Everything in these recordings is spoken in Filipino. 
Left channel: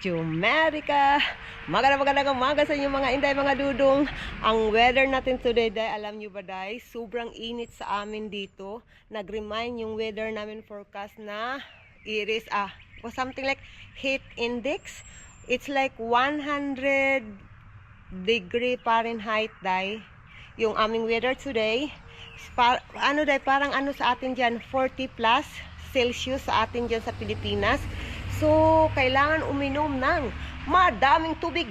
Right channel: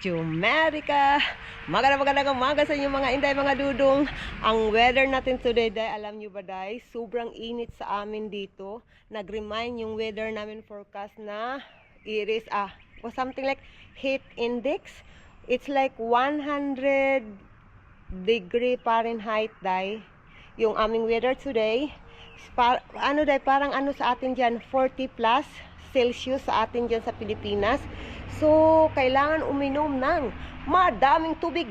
Jumerica! Magandang umaga sa inyo mga inday, mga dudong. Ang weather natin today, day, alam nyo ba, day? Sobrang init sa amin dito. Nag-remind yung weather namin forecast na it is something like heat index. It's like 100 degree Fahrenheit, day. Yung aming weather today. Parang ano sa atin dyan, 40 plus Celsius sa atin dyan sa Pilipinas. So, kailangan uminom ng madaming tubig.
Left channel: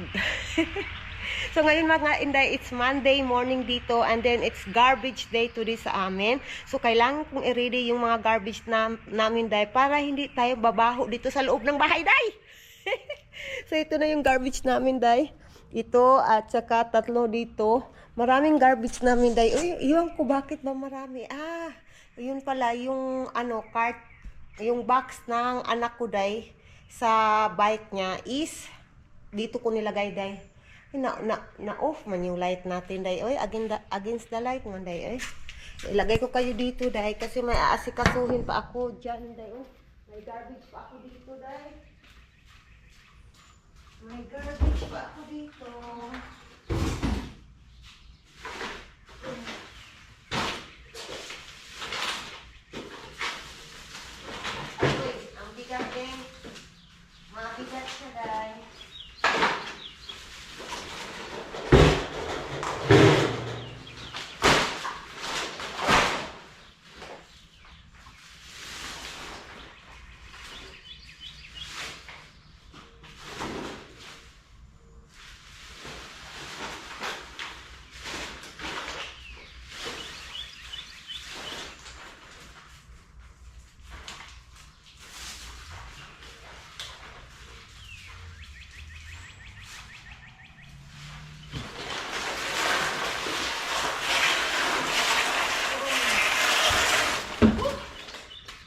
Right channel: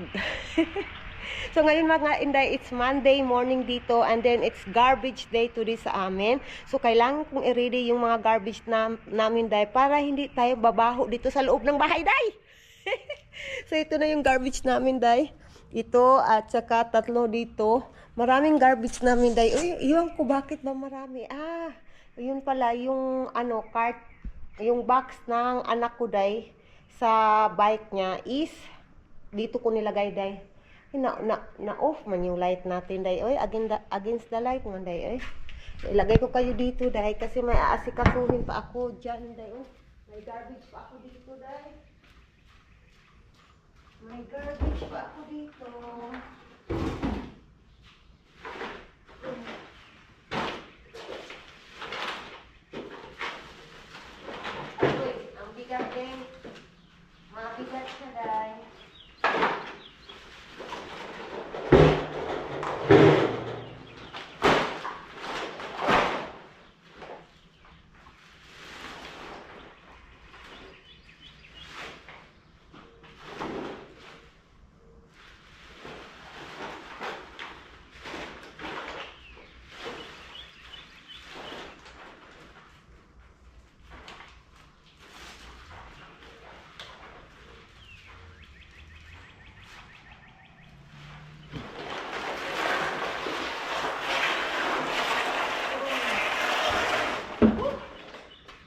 So, ngayon mga inday, it's Monday morning dito and then it's garbage day today sa amin. So, kailangan kong i-ready yung mga garbage namin, day, para hindi tayo babaho dito sa loob ng bahay, day. So, ito na yung garbage namin, day. Ito at saka tatlo dito. Maraming garbage namin, day. Uy, iwan ko bakit ba marami? Yun pala yung cart, yung box ng anak ko, day, sa bike niya is dito ko nilagay, day. Na off man yung light natin, day. Oy, against the light man, day. Oy, ilagay ko kayo dito, day, kasi may aasikasuhin pa ako diyan, day. Oy, may garbage pa ako dito, day. May garbage pa ako dito. Ang bigat, day. Mabigat siya, day.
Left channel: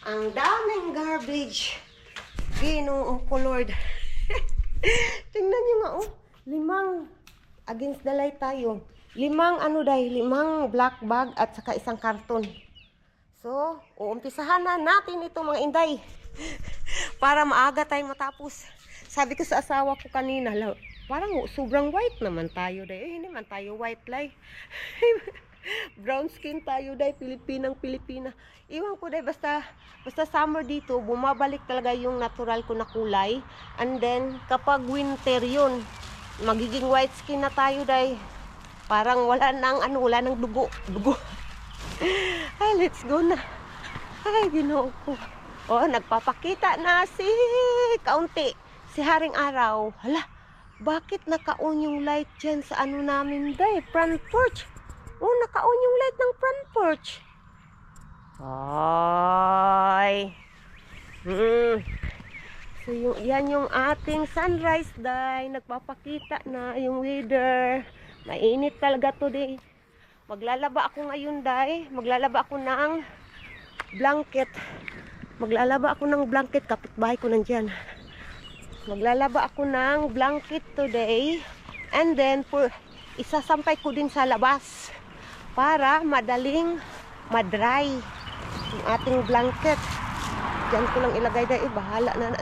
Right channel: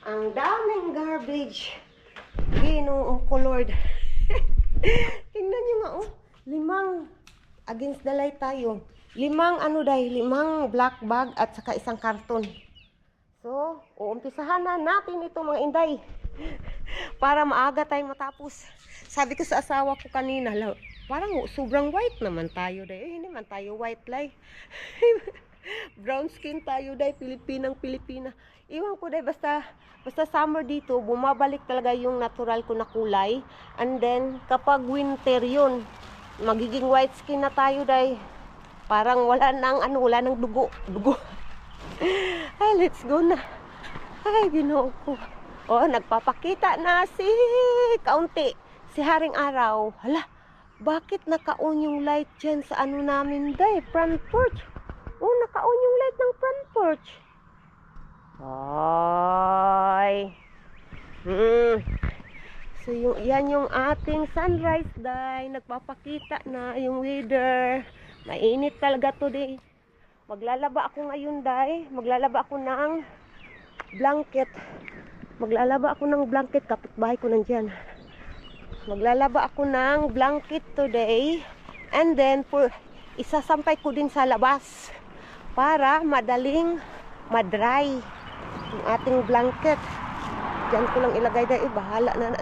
Ang daming garbage. Ginoo ko, Lord. Tingnan nyo nga, oh. 5 against the light tayo. 5 black bag at saka isang karton. So, uumpisahan na natin ito, mga inday. Para maaga tayong matapos. Sabi ko sa asawa ko kanina, parang sobrang white naman tayo, day. Hindi man tayo white, lay. Brown skin tayo, day. Pilipina. Iwan ko, day, basta summer dito, bumabalik talaga yung natural ko na kulay. And then, kapag winter yun, magiging white skin na tayo, day. Parang wala nang dugo. Ay, let's go na. Ay, Ginoo ko. Oh, nagpapakita na kaunti. Si Haring Araw. Hala, bakit naka-on yung light dyan sa namin, day? Front porch. Oh, naka-on yung light ng front porch. Ay. So, yan yung ating sunrise, day. Nagpapakita na yung weather. Mainit talaga today. Maglalaba ako ngayon, day. Maglalaba ako ng blanket. Kapitbahay ko nandyan. Maglalaba ako ng blanket today. And then, isasampay ko din sa labas para madaling madry yung ating blanket. Diyan ko lang ilagay, day. Bahala na.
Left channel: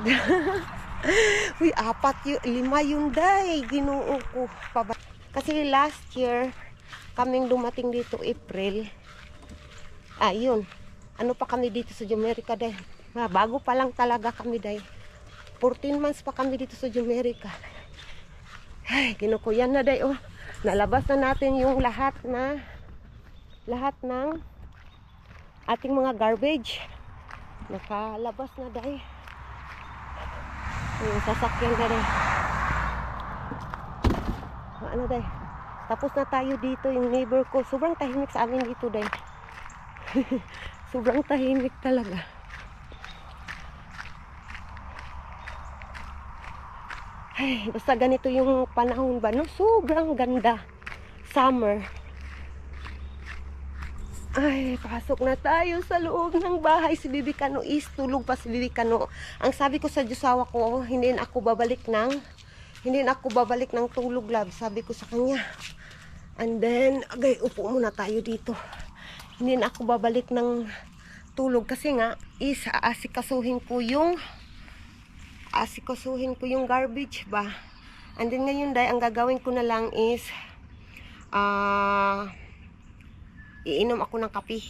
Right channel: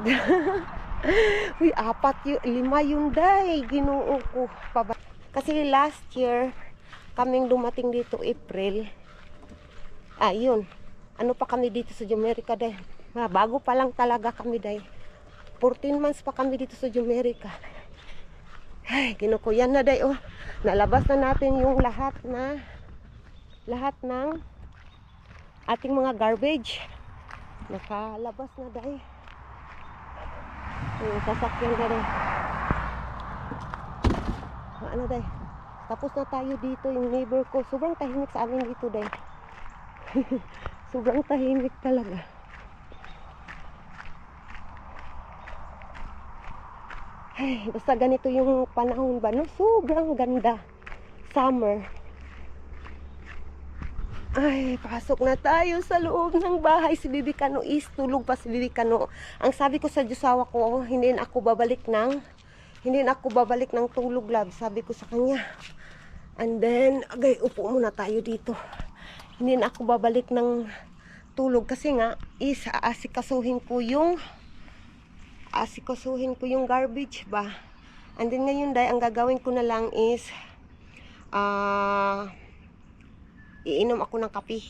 Uy, 5 yun, day. Ginoo ko. Kasi last year, kaming dumating dito, April. Yun. Ano pa kami dito sa Jumerica, day. Bago pa lang talaga kami, day. 14 months pa kami dito sa Jumerica. Ay, Ginoo ko. Yan na, day. Oh, nalabas na natin yung lahat ng ating mga garbage. Nakalabas na, day. Yung sasakyan na, day. Ano, day? Tapos na tayo dito. Yung neighbor ko, sobrang tahimik sa amin dito, day. Sobrang tahimik talaga. Ay, basta ganito yung panahon ba, no? Sobrang ganda. Summer. Ay, pasok na tayo sa loob ng bahay. Si Bibi Kano is tulog pa si Bibi Kano. Ang sabi ko sa Diyosawa ko, hindi na ako babalik ng tulog, love. Sabi ko sa kanya. And then, upo muna tayo dito. Hindi na ako babalik ng tulog kasi nga is aasikasuhin ko yung asikasuhin ko yung garbage ba. And then ngayon day, ang gagawin ko na lang is iinom ako ng kape.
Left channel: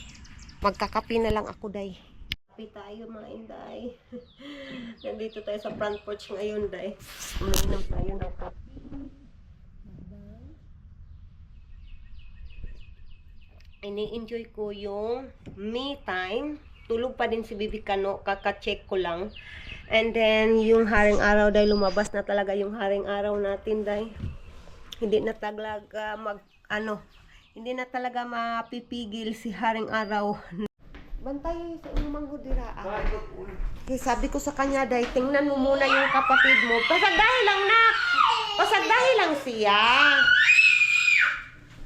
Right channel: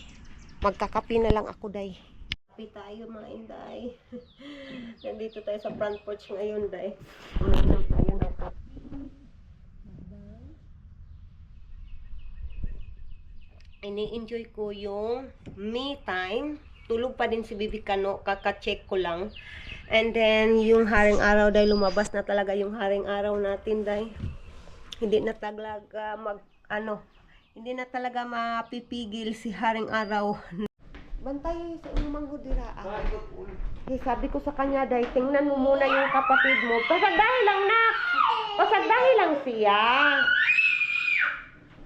Magkakape na lang ako day. Kape tayo mga inday. Nandito tayo sa front porch ngayon day. Uminom tayo ng kape. Ini-enjoy ko yung me time. Tulog pa din si Bibi Kano, kaka-check ko lang. And then yung haring araw dahil lumabas na talaga yung haring araw natin dahil hindi na talaga hindi na talaga mapipigil si haring araw. Bantay sa inyong manghudiraan. Okay, sabi ko sa kanya dahil tingnan mo muna yung kapatid mo. Pasagdahi lang na. Pasagdahi lang siya.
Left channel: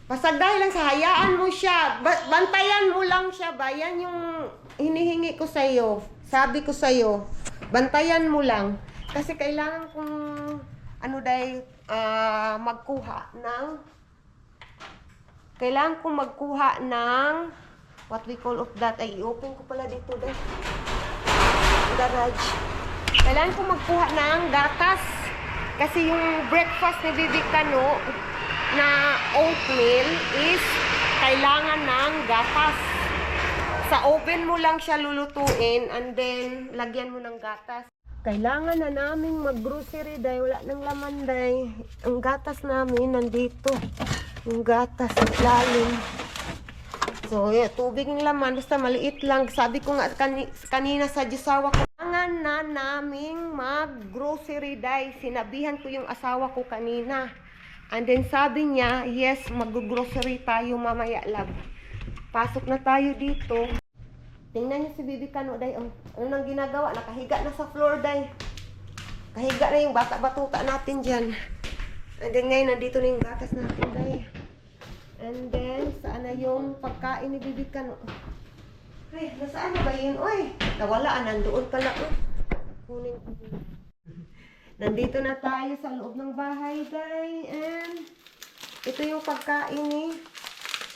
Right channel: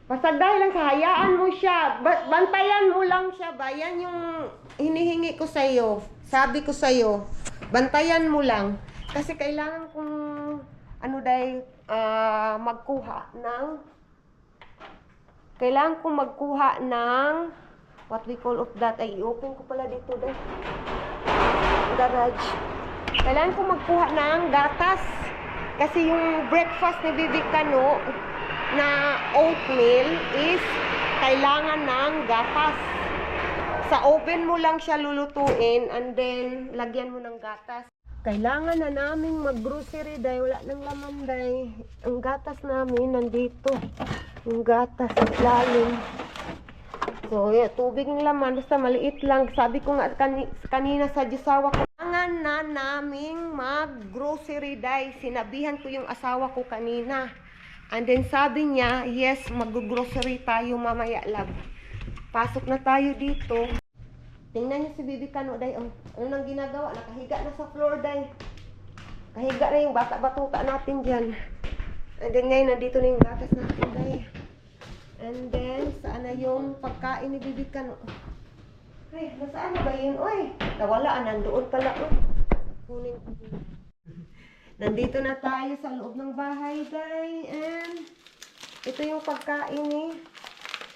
Pasagdahi lang sa hayaan mo siya. Bantayan mo lang siya ba? Yan yung hinihingi ko sa iyo. Sabi ko sa iyo, bantayan mo lang. Kasi kailangan kong magkuha ng what we call of that. Ay, i-open ko pala dito dahil garage. Kailangan kong magkuha ng gatas. Kasi yung breakfast ni Bibi Kano na oatmeal is kailangan ng gatas. Sa oven mo lang siya lulutuin and then lagyan mo ng gatas. Kailangan na naming mag-grocery dahil wala nang laman dahil ang gatas namin nandito. Yung gatas sa lalim. So, tubig ng laman basta maliit lang. Sabi ko nga kanina sa asawa ko, kailangan na naming mag-grocery dahil sinabihan ko yung asawa ko kanina. And then sabi niya, yes, mag-grocery tayo mamaya lab. Pasok na tayo dito. Tingnan niyo si Bibi Kano day. Ano nang ginagawa? Nakahiga na sa floor day. Kahiga na yung bata-batuta natin dyan. And then ngayon, nandito na yung gatas natin day. And then, saan na yung pagkain ni Bibi Kano? Ay, nasaan na ba yun? Uy, nawala. Nandoon pala. Kunin ko. Nandito na tayo sa loob ng bahay, day. And ito yung pagkain ni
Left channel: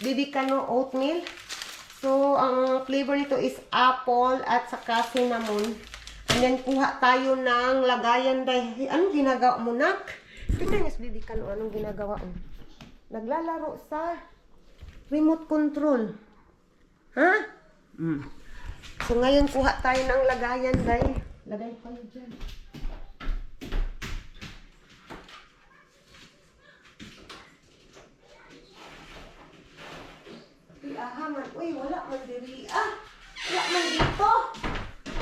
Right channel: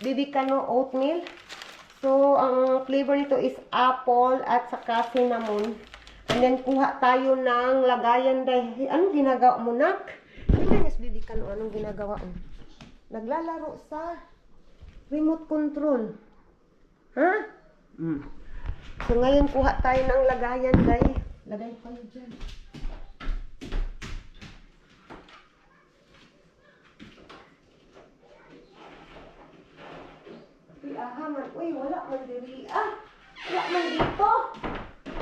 Bibi Kano oatmeal. So, ang flavor nito is apple at saka cinnamon. And then, kuha tayo ng lagayan, day. Anong ginagawa mo, nak? Tingnan niyo si Bibi Kano, anong ginagawa mo? Naglalaro sa remote control. Ha? So, ngayon, kuha tayo ng lagayan, day. Lagay kayo dyan. Uy, wala man diri. Wala man dito.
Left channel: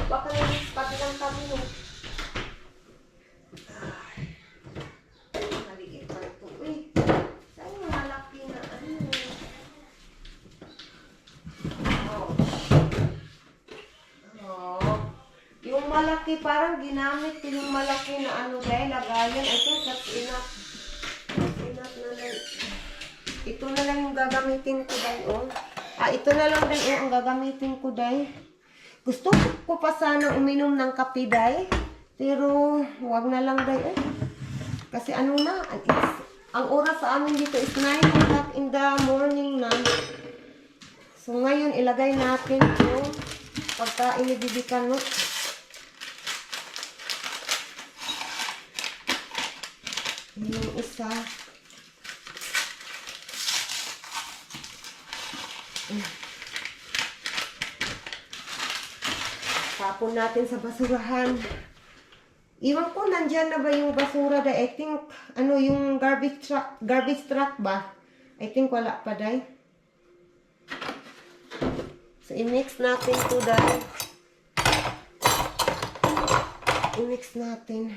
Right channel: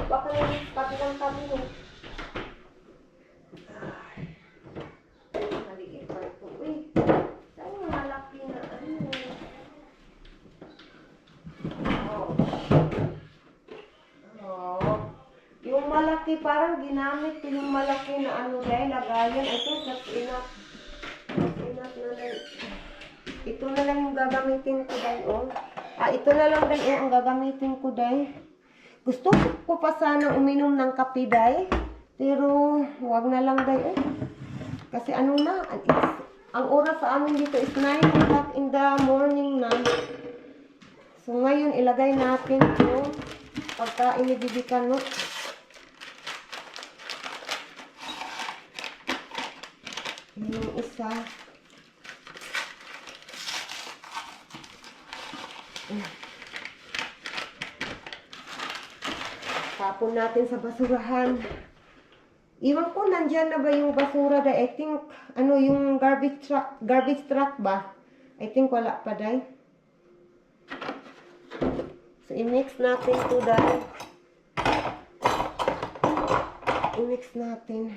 Baka pati lang kami no. Maliit pa ito. Uy, saan yung malaki na yung malaki parang ginamit ko yung malaki na dahil lagayan. I think that's enough. That's enough na lang. Ito na lang yung gagamitin ko dahil ito na lang din ang gagamitin ko day. Gusto ko pa sana uminom ng kape day. Pero wag na lang day. Kasi ang oras sa amin dito is 9 o'clock in the morning na. So ngayon ilagay natin yung pagkain ni Bibi Kano. Yung isa. Tapon natin sa basurahan. Iwan ko nandyan na ba yung basura dahil I think yung garbage truck ba? I think wala pa dahil. So i-mix natin to dahil. I-mix natin.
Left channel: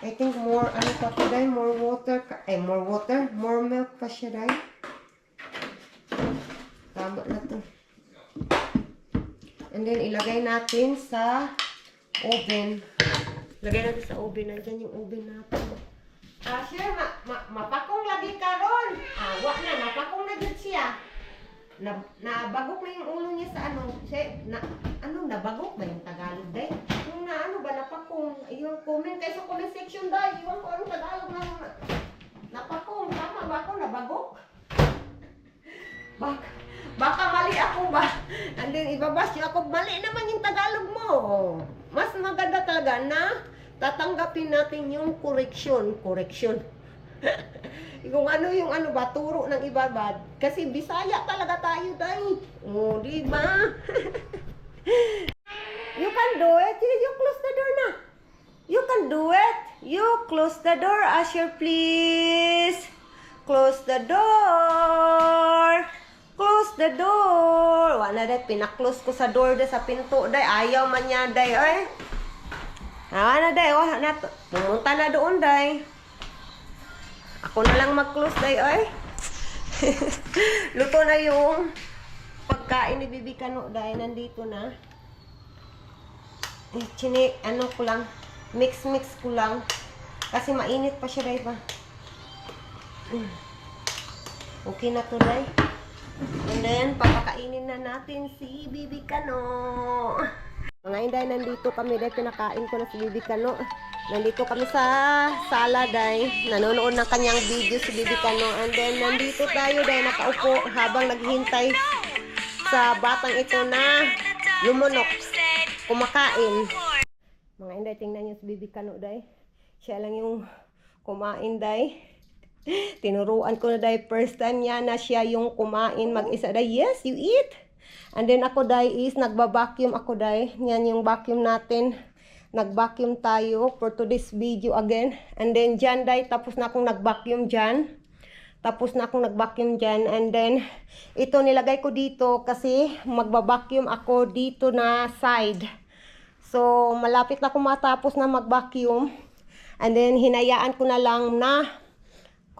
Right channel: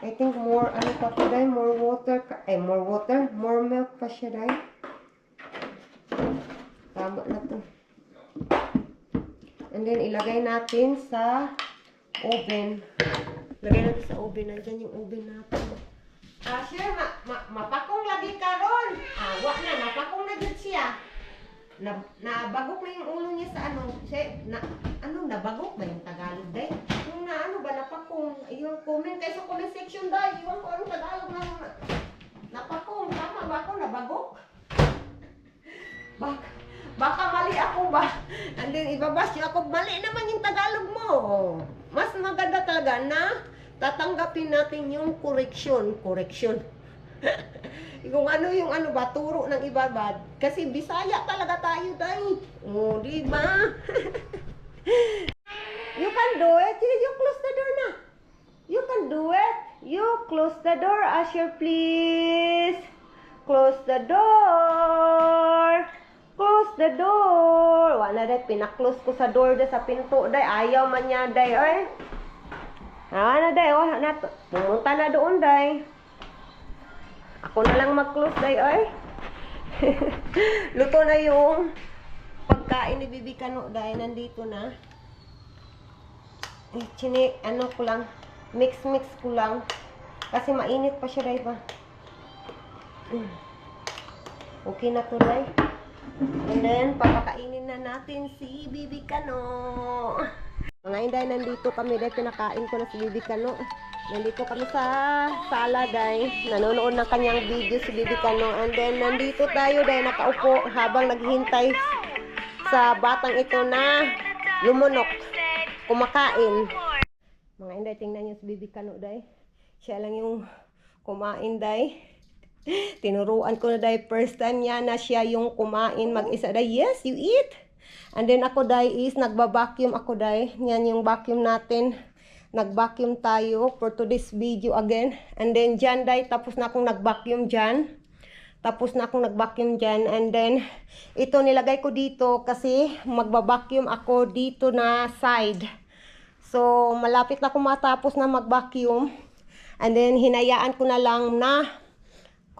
I think more pa to dahil, more milk pa siya dahil. Tama na to. And then, ilagay natin sa oven. Lagay natin sa oven. Nandyan yung oven natin. Sure, mapakong lagi ka ron. Wak na, mapakong na dyan siya. Nabagok na yung ulo niya sa nabagok ba yung Tagalog day? Yung napakong. Yung comment kayo sa comment section day. Iwan ko anong Tagalog na napakong. Tama ba ako? Nabagok? Baka mali ako ba? And then ibabas niyo ako, mali naman yung Tagalog mo. Mas maganda talaga na tatanggapin natin yung correction. Kung ano yung ano ba, turo ng iba ba? Kasi Bisaya talaga tayo, day. Oh, di ba? You can do it. You close the door na. You can do it. You close the door, Asher, please. Close the door. Close the door. Wala day, pinaklose ko sa door day, sa pinto day. Ayaw man niya day, ay. Na day, oh, pumunta na doon day. Ako na lang mag-close day, ay. Luto na yung pagkain ni Bibi Kano day, nandito na. Ano ko lang, mix ko lang. Kasi mainit pa siya day ba. Okay na to day. And then, papakainin na natin si Bibi Kano. Mga inday, nandito kami day, pinakain ko na si Bibi Kano. Nandito kami sa sala day, nanonood ng kanyang video si Bibi Kano. And then, nandito tayo day, nakaupo habang naghihintay sa batang ito na lumunok, kumakain. Mga inday, tingnan niyo si Bibi Kano day. Siya lang yung kumain day. Tinuruan ko na day, first time niya na siya yung kumain mag-isa day. Yes, you eat. And then ako day is nagba-vacuum ako day. Yan yung vacuum natin. Nag-vacuum tayo for today's video again. And then dyan day, tapos na akong nag-vacuum dyan. And then ito nilagay ko dito kasi magba-vacuum ako dito na side. So malapit na ako matapos na mag-vacuum. And then hinayaan ko na lang na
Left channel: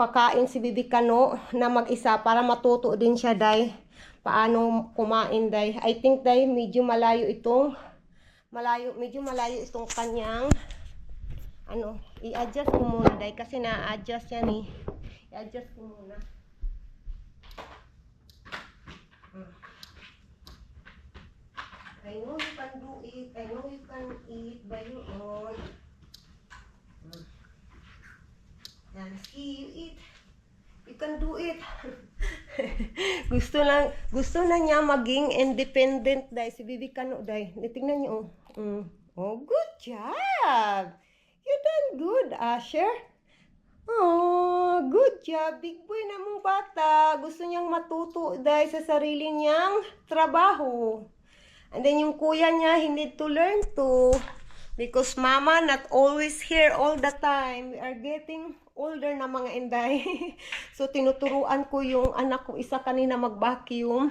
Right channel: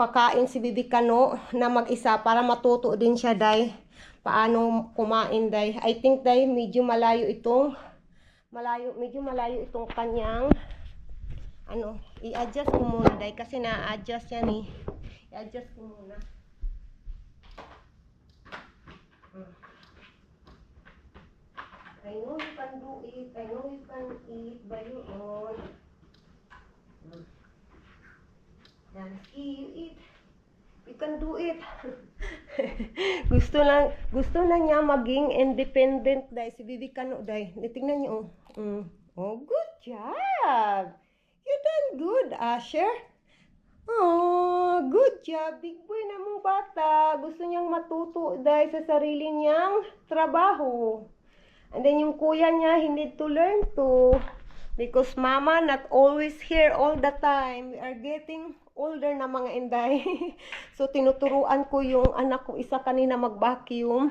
kakain si Bibi Kano na mag-isa para matuto din siya day paano kumain day. I think day medyo malayo itong kanyang ano, i-adjust ko muna day kasi na-adjust yan eh. I-adjust ko muna. I know you can do it. I know you can eat by your own. Yan, see, you eat. You can do it. gusto na niya maging independent day si Bibi Kano day. Tingnan niyo oh. Oh, good job. You done good, Asher. Oh, good job. Big boy na mong bata. Gusto niyang matuto day sa sarili niyang trabaho. And then yung kuya niya, he need to learn to. Because mama not always here all the time. We are getting older na mga inday. So tinuturuan ko yung anak ko isa kanina mag-vacuum.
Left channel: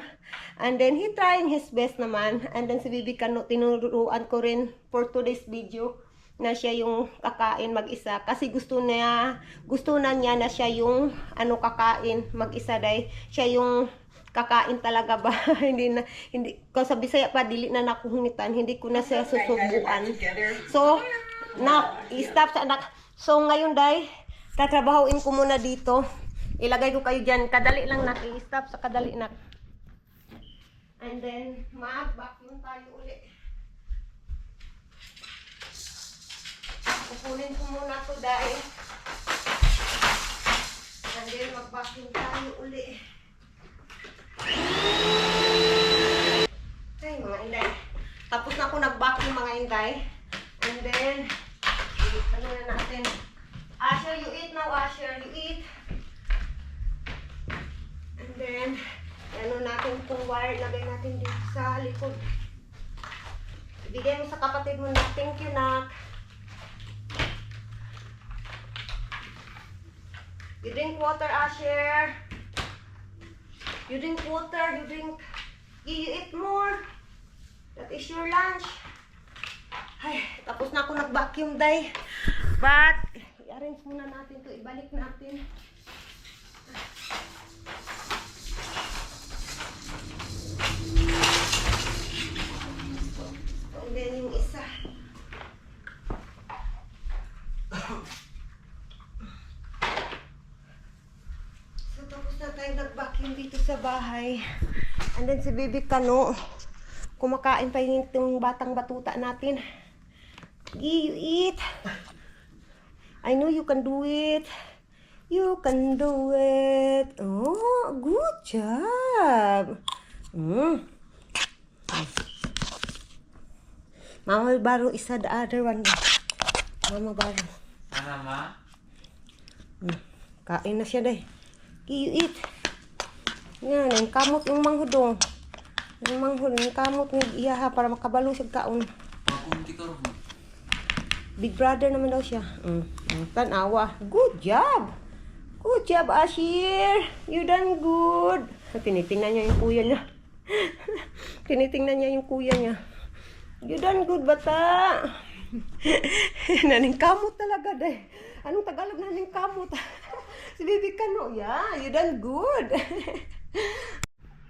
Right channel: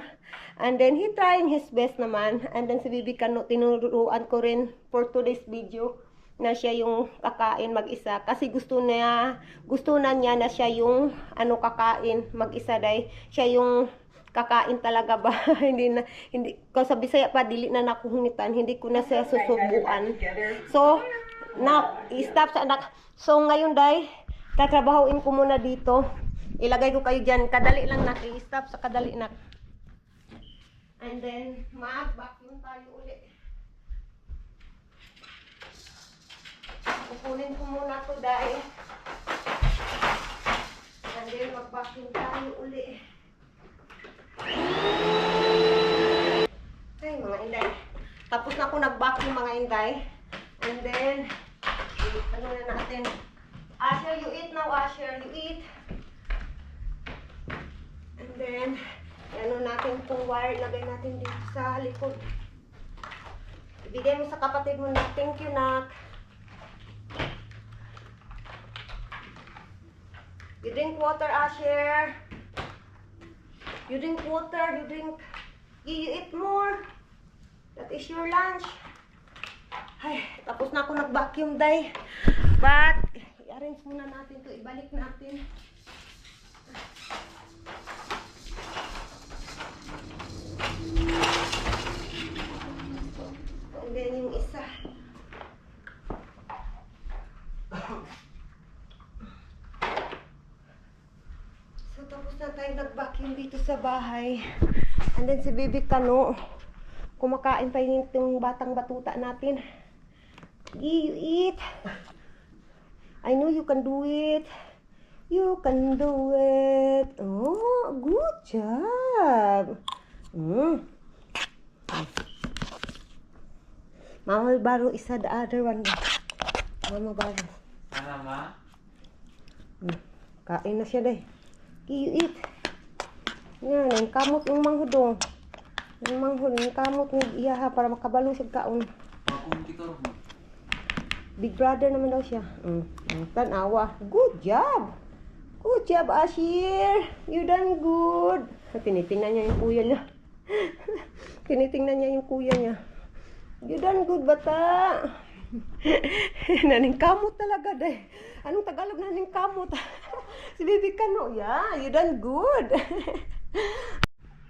And then he trying his best naman. And then si Bibi Kano tinuruan ko rin for today's video na siya yung kakain mag-isa. Kasi gusto na niya na siya yung kakain mag-isa day. Siya yung kakain talaga ba? hindi ko sa Bisaya pa dili na nakuhungitan, hindi ko na siya susubuan. So stop sa anak. So ngayon day, tatrabahoin ko muna dito. Ilagay ko kayo diyan, kadali lang nak, i-stop sa kadali nak. And then mag-vacuum tayo uli. Kukunin ko muna to day. And then mag-vacuum tayo uli. Ay, mga inday. Tapos na ako nag-vacuum mga inday. And then, ano na natin? Asher, you eat now, Asher. You eat. And then, ano natin itong wire. Lagay natin dito sa likod. Ibigay mo sa kapatid mo na. Thank you, nak. You drink water, Asher. You drink water, you eat more. That is your lunch. Ay, tapos na ako nag-vacuum day. But, i-arrange muna natin to. Ibalik natin. And then yung isa. Tayo nag-vacuum dito sa bahay. And then si Bibi Kano, kumakain pa yung batang batuta natin. You eat. I know you can do it. You can do it. Oh, good job. Mm. Mama will borrow isa the other one. Mama borrow. Ano ma? Kain na siya day. You eat. Yan, ang kamot yung manghudong. Yung manghud, yung kamot ng iyaha para makabalo siya kaon. Pakunti ka rin. Big brother naman daw siya. Tanawa. Good job. Good job, Ashir. You done good. Tinitingnan niya yung kuya niya. Tinitingnan niya yung kuya niya. You done good, bata. Naningkamot talaga, day. Anong Tagalog naningkamot? Si Bibi Kano, yeah, you done good.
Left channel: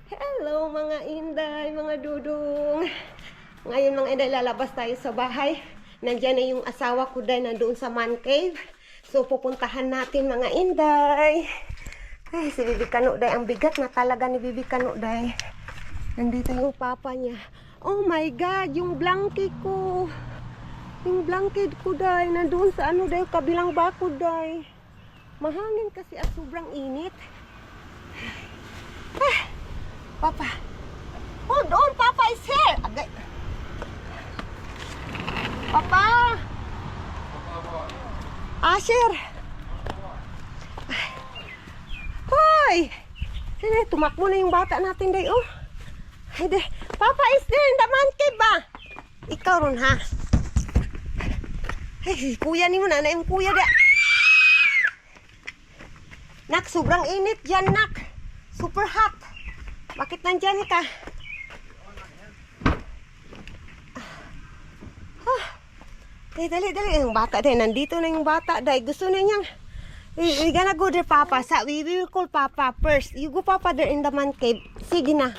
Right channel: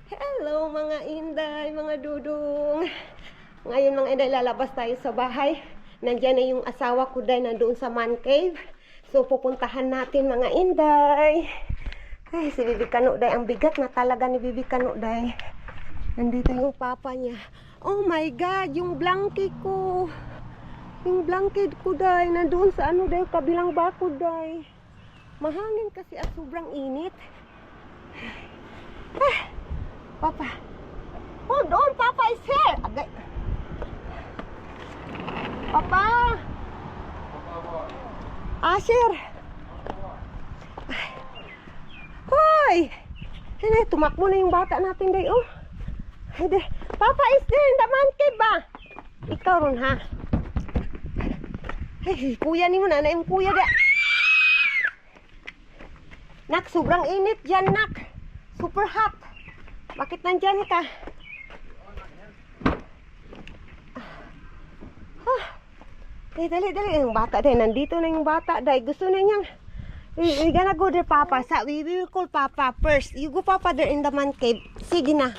Hello, mga inday, mga dudong. Ngayon, mga inday, lalabas tayo sa bahay. Nandiyan na yung asawa ko, day, nandoon sa man cave. So, pupuntahan natin, mga inday. Ay, si Bibi Kano, day, ang bigat na talaga ni Bibi Kano, day. Nandito yung papa niya. Oh my God, yung blanket ko. Yung blanket ko, day, nandoon sa ano, day, kabilang bakod, day. Mahangin kasi at sobrang init. Ah, papa. Hold on, papa is here. Agay. Papa. Asher. Hoy. Sino, tumakbo na yung bata natin, day, oh. Ay, day. Papa is there in the man cave ba? Ikaw ron, ha? Ay, kuya ni mo na yung kuya da. Nak, sobrang init dyan, nak. Super hot. Bakit nandyan ka? Dali. Yung bata din. Nandito na yung bata. Dahil gusto na niyang. We gonna go there, Papa. We will call Papa first. You go, Papa, there in the man cave. Sige na.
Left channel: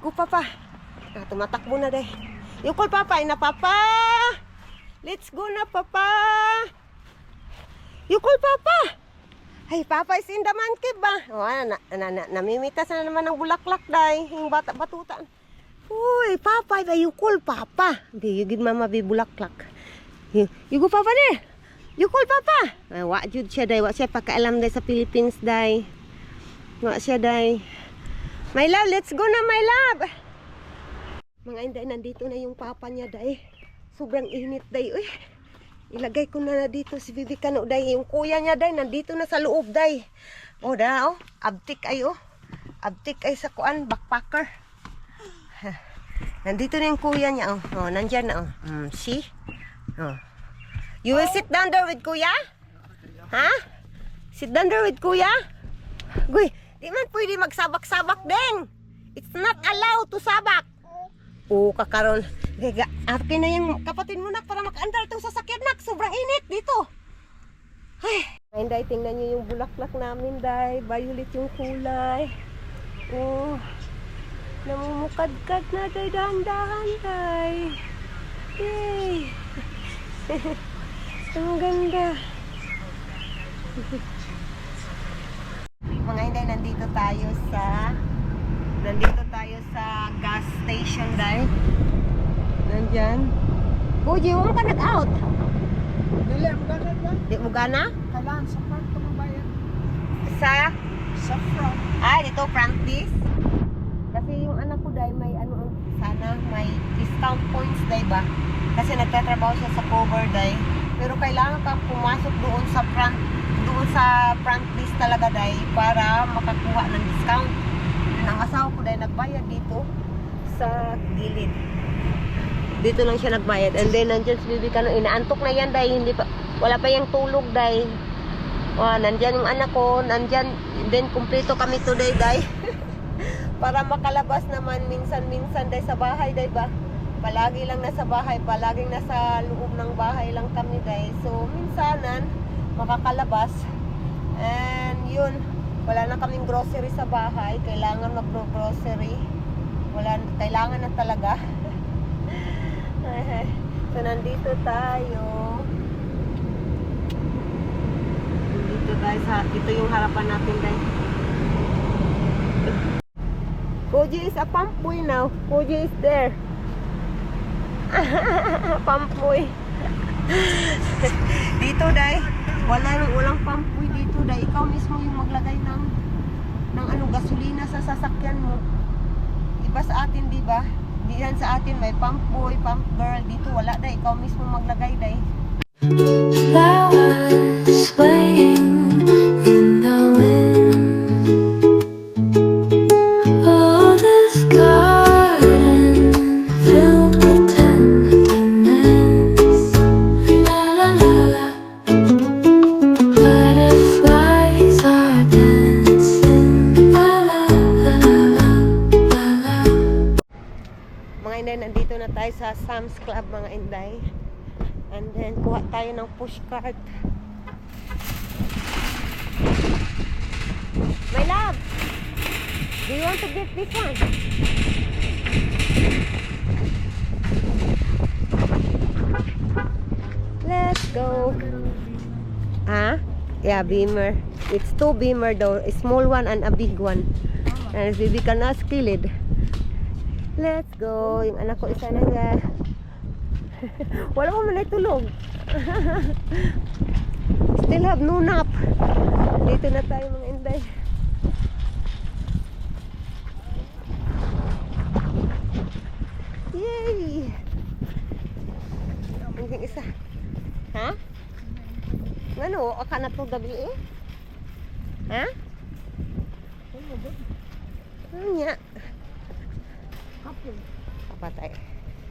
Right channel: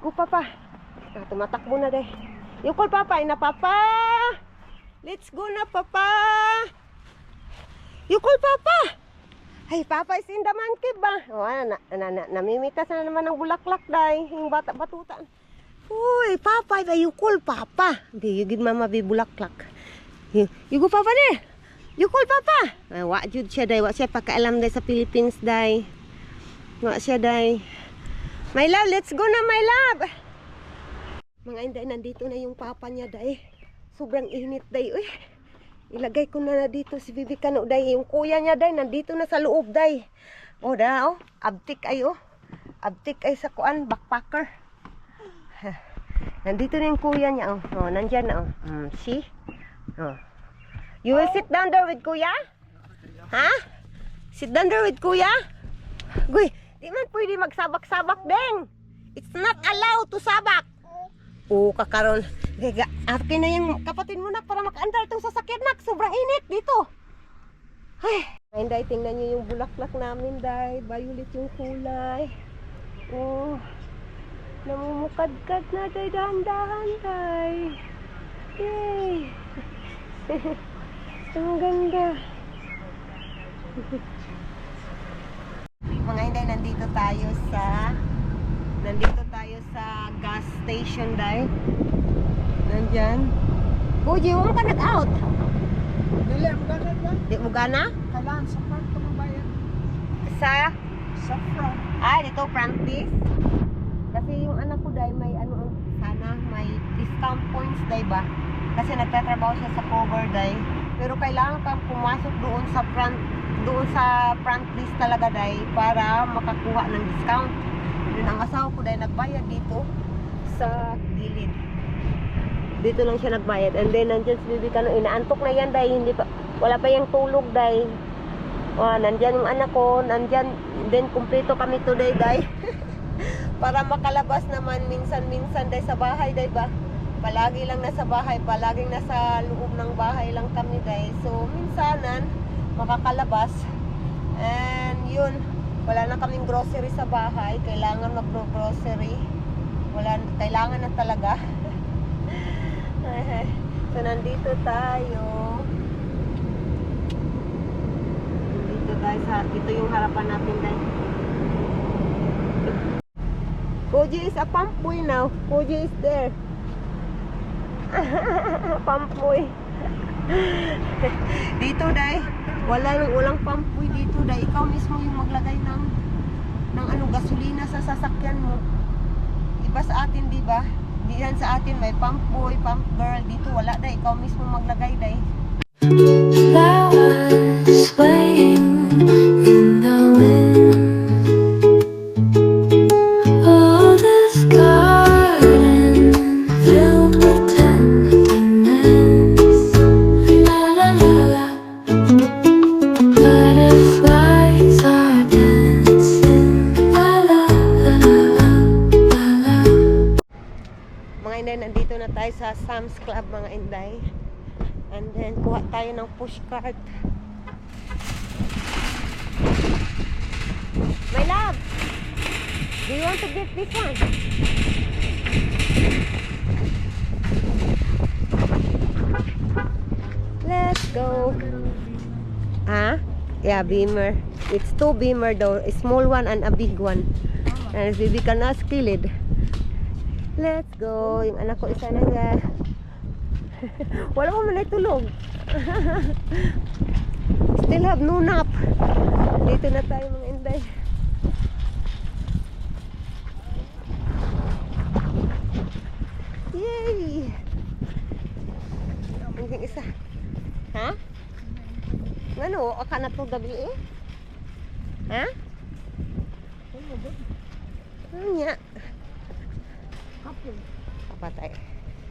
Go, Papa. Tumatakbo na dahil. You call Papa. Ina, Papa. Let's go na, Papa. You call Papa. Ay, Papa is in the man cave ba? Namimitas na naman ng bulaklak dahil. Yung batutan. Uy, Papa, you call Papa. Di, you give Mama be bulaklak. You go, Papa there. You call Papa. Ay, wa jud siya dahil. Wa siya pakaalam dahil sa Philippines dahil. Wa siya dahil. My love, let's go na, my love. Mga inday, nandito na yung Papa niya dahil. Sobrang init dahil. Uy. Ilagay ko na dito si Bibi Kano, day. Yung kuya niya, day, nandito na sa loob, day. O, da, oh. Abtik ay, oh. Abtik ay sa kuan, backpacker. Nandito na yung kuya niya, oh. Oh, nandyan na, oh. See? Oh. You will sit down there with kuya? Ha? Sit down there with kuya? Guy, di man pwede magsabak-sabak, deng. It's not allowed to sabak. Oo, kakaroon. Akin na yung kapatid mo, nak, para makaandar itong sasakyan, nak. Sobrang init dito. Ay, Day, tingnan nyo yung bulaklak namin, Day. Violet yung kulay. Oh, namumukadkad na, Day. Dahan-dahan, Day. Yay. Ang ganda. Mga Day, nandito tayo sa gas station, Day. Nandyan. Uji, huwag ka nag-out. Dili, ang ganun ba? Di mo gana? Kailangan sa front ko mabayan. Sa front. dito front this. Kasi yung anak ko, Day, may ano, sana may discount points, Day, ba? Kasi nagtatrabaho siya sa cover, Day. Pero kailangan kang pumasok doon sa front list talaga, Day, para makakuha ng discount. Yun ang asawa ko, Day, nagbayad dito sa gilid. Dito lang siya nagbayad. And then nandiyan si Bibi Kano, inaantok na yan, Day. Wala pa yung tulog, Day. Nandyan yung anak ko, nandyan. Then kumpleto kami today, Day. Para makalabas naman minsan-minsan, Day, sa bahay, Day, ba? Palagi lang nasa bahay, palaging nasa loob ng bahay lang kami, Day. So minsanan makakalabas. And yun, wala na kaming grocery sa bahay. Kailangan mag-grocery. Kailangan na talaga. So nandito tayo. Ito yung harapan natin, guys. Koji is a pampuy now. Koji is there. Pampuy. Dito, Day. Walang pampuy dito, Day. Ikaw mismo yung maglagay ng ng ano, gasolina sa sasakyan mo. Iba sa atin, di ba? Diyan sa atin may pump boy, pump girl. Dito wala dai, ikaw mismo maglagay dai. Flowers swaying in the wind. Oh, this garden filled with tenderness. La la la la. Butterflies are dancing. La la la la la la. Mga inday, nandito na tayo sa Sam's Club, mga inday. And then, kuha tayo ng push cart. My love! Do you want to get this one? Let's go! Ah? Yeah, Beamer. It's two Beamer though. A small one and a big one. And if we cannot kill it. Let's go! Yung anak ko isa na nga. Wala ko man ay tulog. Still have no nap. Dito na tayo mga inday. Yay! Hanggang isa. Ha? Ngano? Aka na to gabi eh? Ha? Ano niya? Hapon. Kapatay.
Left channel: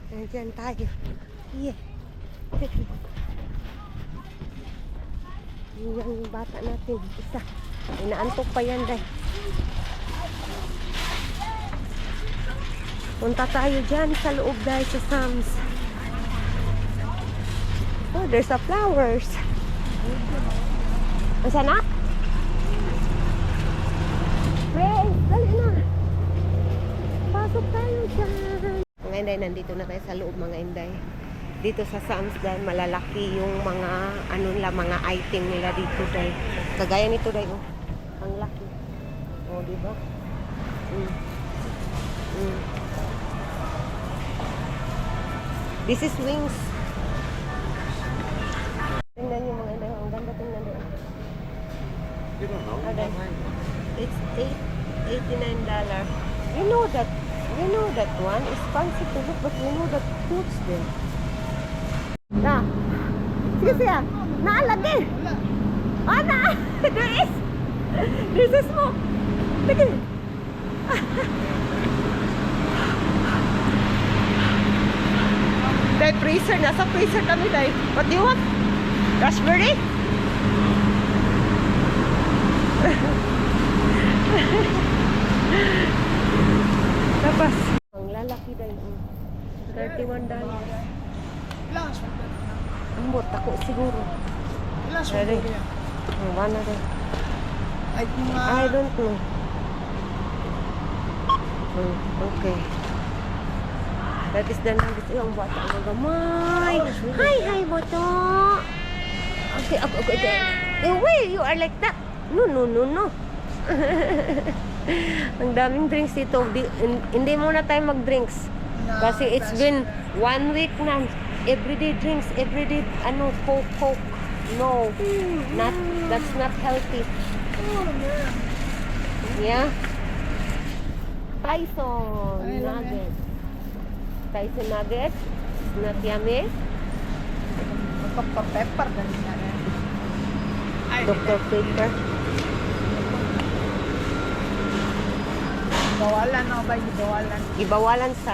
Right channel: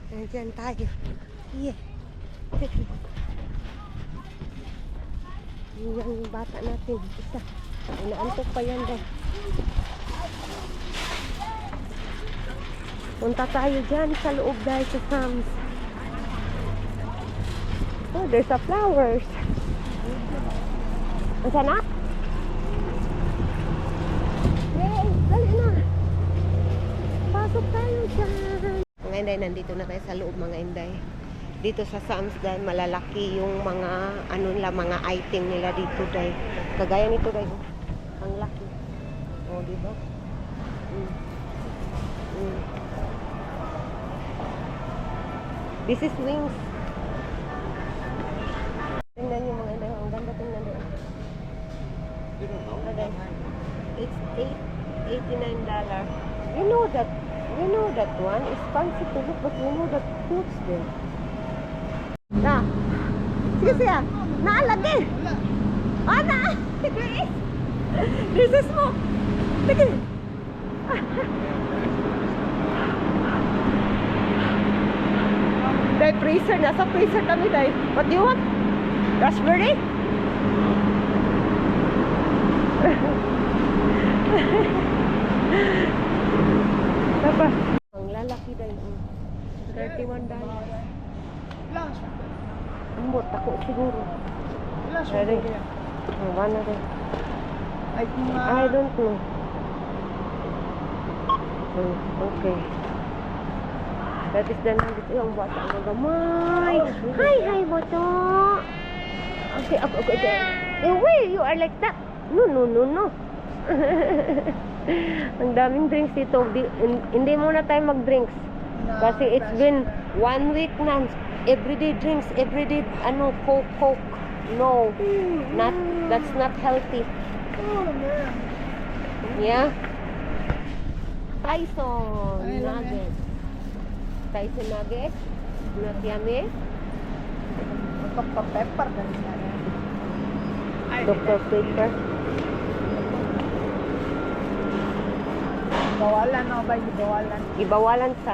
Nandiyan tayo. Yeah. Yan yung bata natin. Isa. Inaantok pa yan dahil. Punta tayo dyan sa loob dahil sa Sam's. Oh, there's a flowers. Asa na? Hey, dali na. Pasok tayo dyan. Mga inday, nandito na tayo sa loob mga inday. Dito sa Sam's dahil malalaki yung mga ano nila, mga item nila dito dahil. Kagaya nito dahil. Ang laki. Oh, di ba? This is wings. Tingnan niyo mga inday, ang ganda tingnan doon. You don't know? Okay. It's $89. You know that one is fancy to look, but you know that clothes din. Na. Sige siya. Naalagi. Ah, na. There is. This is mo. Sige. Dahil freezer. Nasa freezer kami dahil. What do you want? Raspberry? Tapos, ang lalaki dahil $31. Ilang Ambot ako siguro. Sorry. Ano rin? Ay, kung I don't know. Okay. That is the numbers. Ang bata ang gagamay. Hi, boto. Okay. Why you are like that? No. Ang daming drinks dito. Hindi muna tayo mag-drinks. Kasi it's been 1 week na. Everyday drinks, everyday Coke. No. That's not healthy. Yeah. Tyson nuggets. Tyson nuggets. Not yummy. pepper na rin yan. Dr. Pepper. Bawalan na ba yung bawalan? Ibawalan sa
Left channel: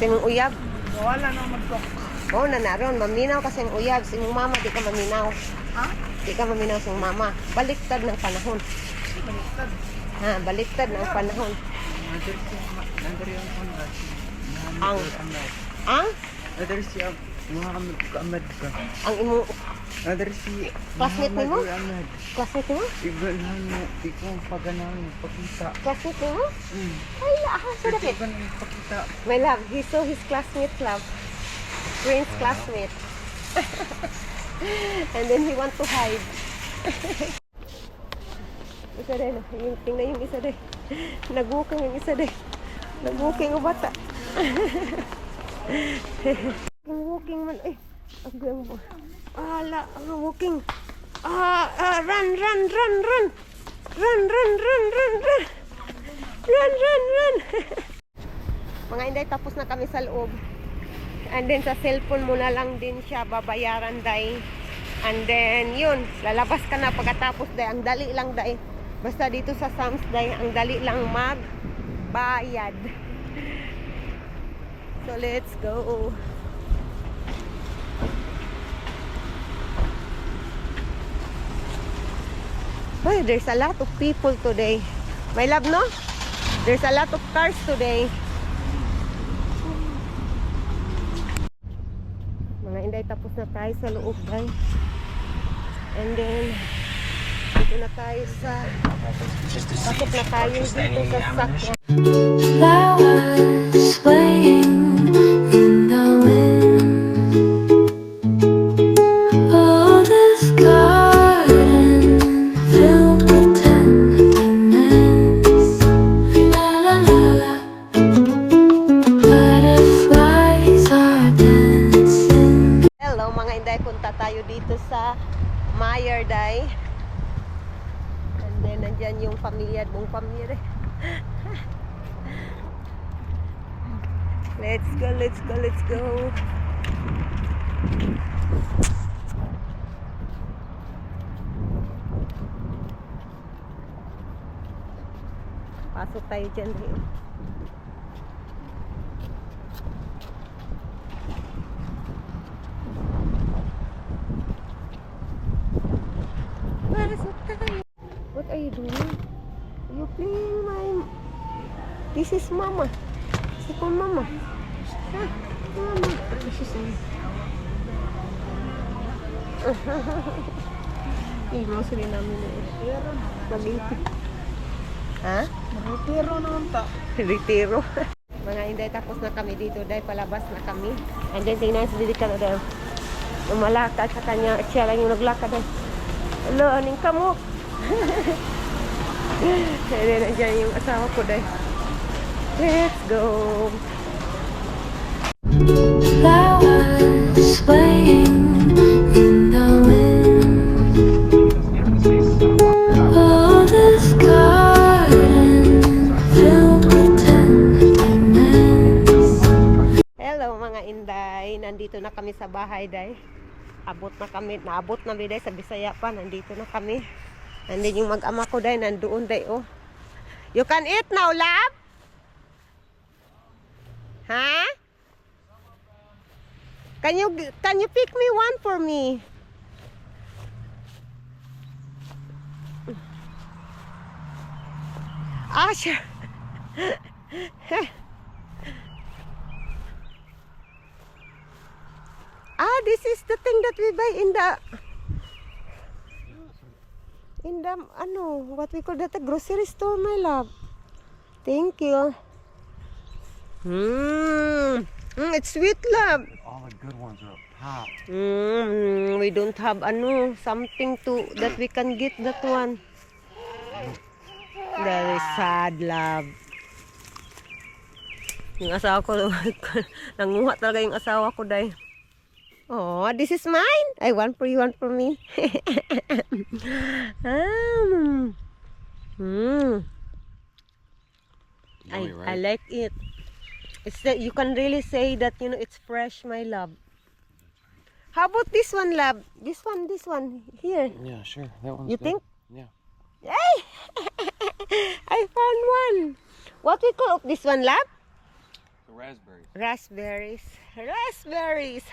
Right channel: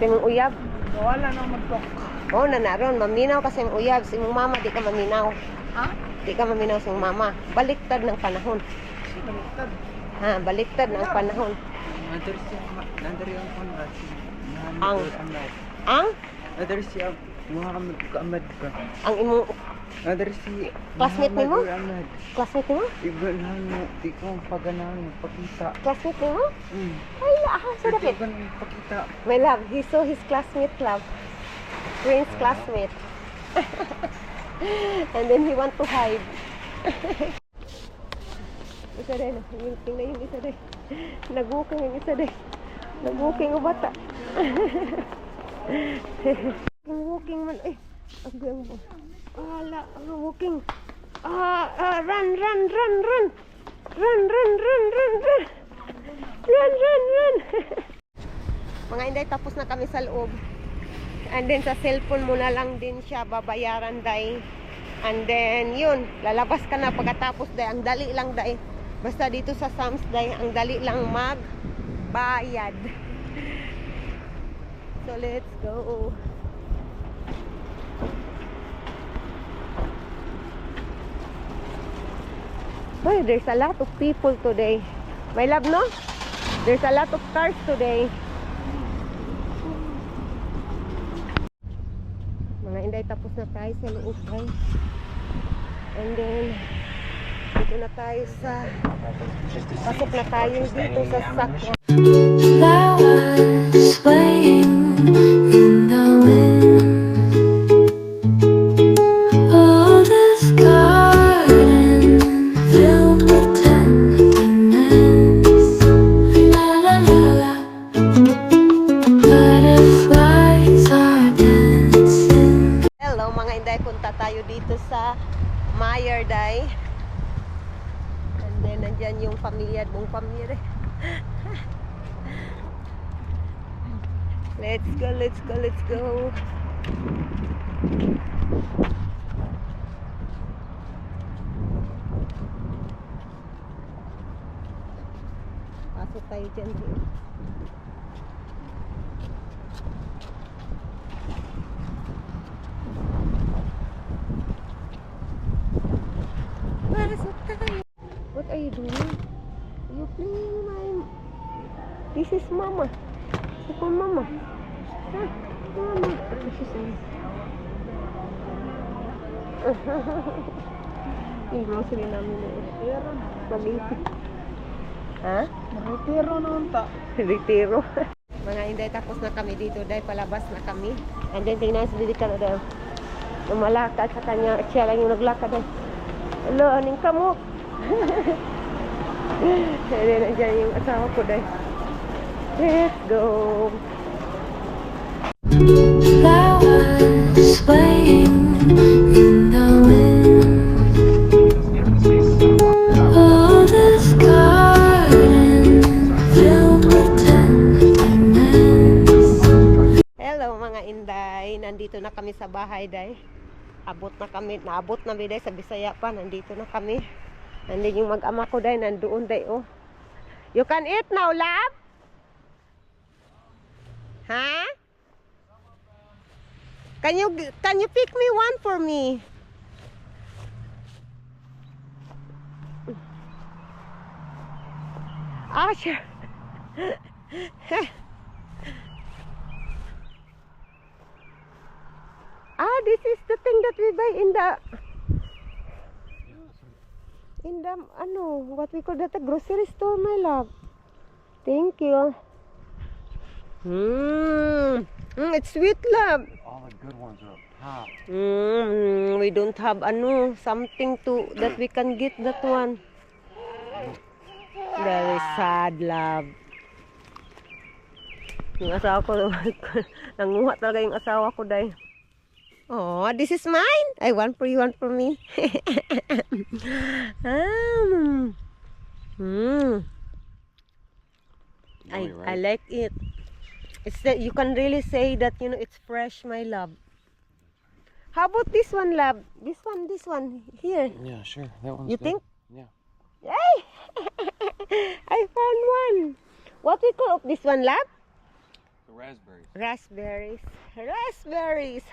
mong uyab. Bawalan na mag-talk. Oo, naroon. Maminaw kasi ang uyab. Si mong mama, di ka maminaw. Ha? Di ka maminaw sa mong mama. Baliktad ng panahon. Baliktad. Ha, baliktad ng panahon. Nandari ang konrad. Ang? Nandari siya. Muhammad Ahmad ka. Ang imong Nandari si Classmate ni mo? Ahmad. classmate mo? Iganahan mo. Di ko ang pagganahan mo. Pakita. Classmate mo? Hmm. Ay, sa dapit. Di ko ang pakita. My love, he saw his classmate love. Prince classmate. And then he want to hide. Isa rin. Tingnan yung isa rin. Nag-walking yung isa rin. Nag-walking yung bata. Walking man. Eh, agawin mo. Ala, walking. Run. Run, run, run, run, run. Run, run, run. Mga Inday, tapos na kami sa loob. And then sa cellphone mo na lang din siya babayaran, day. And then yun, lalabas ka na pagkatapos, day. Ang dali lang, day. Basta dito sa Sam's, day, ang dali lang magbayad. So let's go. Boy, there's a lot of people today. My love, no? There's a lot of cars today. Mga Inday, tapos na tayo sa loob, guys. And then, dito na tayo sa... Pasok na tayo dito sa sakya. That was swaying in the wind. Oh, this garden filled with tenderness. La la la la. Butterflies are dancing. Hello mga Inday, punta tayo dito sa Meyer, day. And then nandyan yung pamilya, buong pamilya. Let's go, let's go, let's go. Pasok tayo dyan. Pasok tayo. What are you doing? You playing my... This is mama. This is for mama. Huh? Mama. This is yung grocery namin eh. Mag-ipit. Ha? Retiro naman ta. Retiro. Mga Inday, tapos na kami dito. Dahil palabas na kami. And then tingnan sa dito ka na dahil. Umalakad sa kanya. Siya lang yung naglakad dahil. Hello, aning kamok. And then nandiyan yung asawa ko dahil. Let's go. That was swaying in the wind. Oh, this garden filled with tenderness. Hello mga Inday. Nandito na kami sa bahay dahil. Abot na kami. Naabot na biday sa Bisaya pa. Nandito na kami. Nandito yung mag-ama ko dahil. Nandoon dahil oh. You can eat now, love? Huh? Can you pick me one for me? Ah, sure. Ah, this is the thing that we buy in the ano, what we call that, a grocery store, my love. Thank you. It's sweet, love. All the good ones are pop. We don't have ano, something to that we can get that one. Very sad, love. Yung asawa ko, nanguha talaga yung asawa ko dahil. Oh, this is mine. I want for you, one for me. I like it. It's that you can really say that, you know, it's fresh, my love. How about this one, love? This one here. Yeah, sure. That one's You good. think? Yeah. Hey! I found one. What we call this one, love? The raspberries. Raspberries. Raspberries.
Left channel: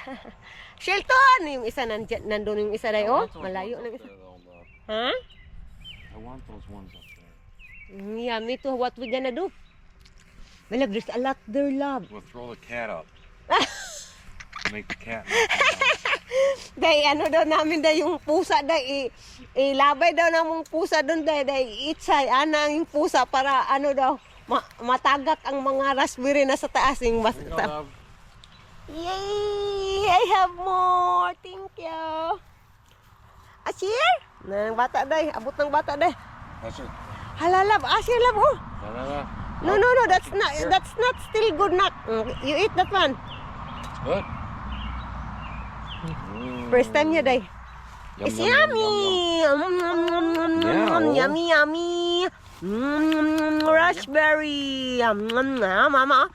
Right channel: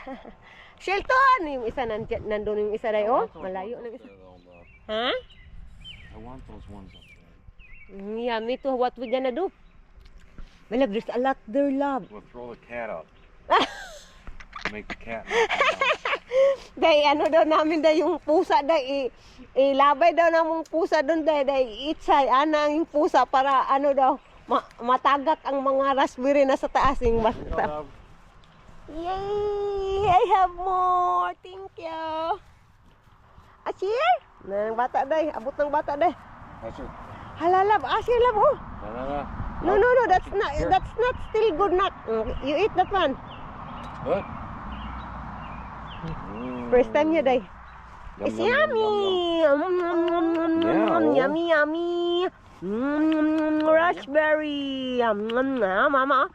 Shelton! Yung isa nandun yung isa na oh. Malayo na isa. Huh? I want those ones up there. Yeah, me too. What we gonna do? My love, there's a lot there, love. We'll throw the cat up. Make the cat. Day, ano daw namin day yung pusa day. Ilabay daw namong pusa doon day. Itsay, anang yung pusa para ano daw. Matagak ang mga raspberry na sa taas yung basta. Yay! I have more. Thank you. Asir? Nang bata day. Abot ng bata day. That's it. Halalab. Asir lab oh. No. No. That's not still good. Not. You eat that one. Good. First time niya day. Yum, It's yum, yum, yummy. Yeah, oh. Yummy, yummy. Raspberry. Mama.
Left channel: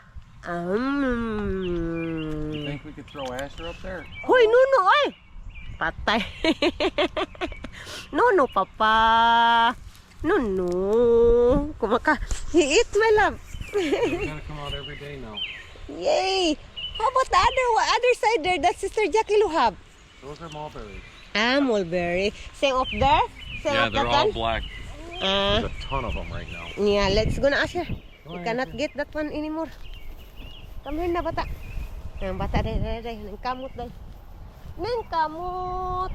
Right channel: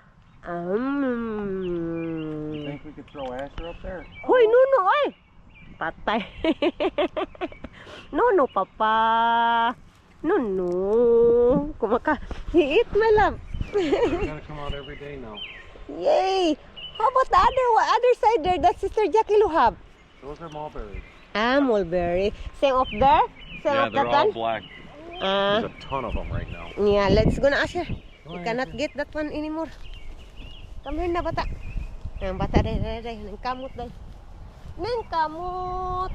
You think we could throw Asher up there? Hoy, Nuno, ay. Patay. Nuno, papa. Nuno. He eat, my love. They're gonna come out every day now. Yay. How about the other side there that Sister Jackie Luhab? Those are mulberries. Ah, mulberry. Same up there? Same Yeah, up they're that all one? black. Ah, There's a ton of them right now. yeah, let's go na, Asher. Go We ahead, cannot Asher. get that one anymore. Come here na, bata. Ang bata, day. Nang kamot, day. Nang kamot.